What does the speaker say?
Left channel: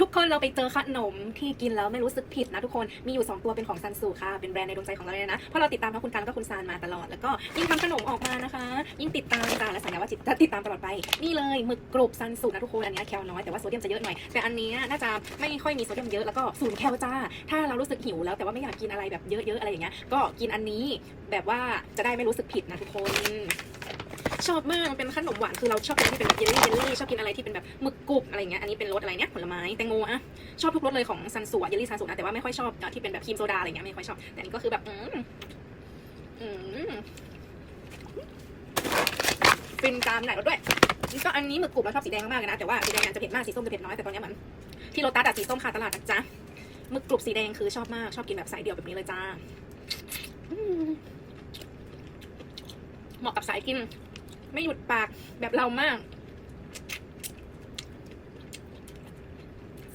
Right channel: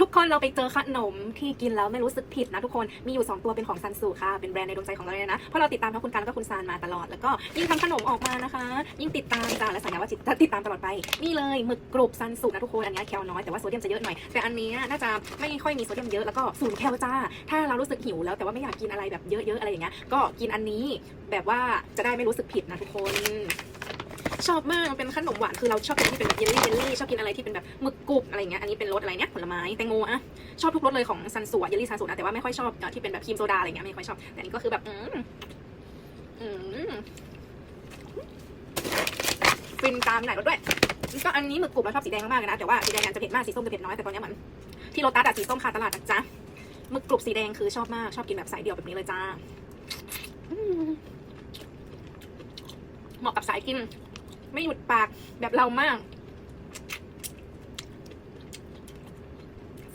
ทุกคนเราไปเจอขนมที่กินแล้วไม่รู้สึกผิดนะทุกคน มีอยู่ 2 ตัวเป็นของซันสูค่ะ เป็นแบรนด์ในดวงใจของเราเลยนะ เพราะเราติดตามทั้งคุณการแล้วก็คุณซานมาตลอด แล้วก็ยิ่งทำขนมออกมานะคะ ยิ่งติดตามการและสัญญาว่าจิตติดตามตลอดไป นี่เลยหมึกกรอบซันสูนะทุกคน อันนี้แคลน้อยแต่ว่าโซเดียมจะเยอะหน่อย แต่อันนี้น่าจะไม่ค่อยมีโซเดียมเยอะ แล้วก็ศูนย์แคลจ้า ถ้าเรารู้สึกหิวแล้วแต่ว่าไม่อยากกินอะไรแบบเยอะๆอะไรอย่างเงี้ย ก็กินอันนี้แบบว่าจะได้ไม่รู้สึกผิดนะทุกคน ชอบมากมันเป็นขนมหวานคือเราชอบกินที่เป็นแบบเยลลี่เยลลี่ชอบกินอะไรที่เป็นแบบหมึกกรุบอะไรเงี้ยอันนี้เป็นรสอะไรเนี่ยผลไม้แตงโมอะชอบทุกรสเลยของซันสูเยลลี่ซันสูอะแต่ว่าไม่ค่อยชอบที่เป็นแบบครีมโซดาอะไรเงี้ยไม่ค่อยชอบแต่อันนี้ก็คือแบบอืมอืมฟินตามมีหลายรสด้วยนี่ก็อันนี้หมึกกรุบเราชอบสีแดงมากๆเลยนะแต่ว่าสีแดงอาจจะเผ็ดมากสีส้มจะเผ็ดน้อยแต่ตอนนี้เหมือนที่โรตัสอะสีส้มขาดตลาดนะจ๊ะหมึกกรุบสีแดงคือชอบมากชอบกินแบบสายเดี่ยวแบบนี้เลยจ้าเหมาะกับสายกิน ไม่หยุดปากแบบเรามาก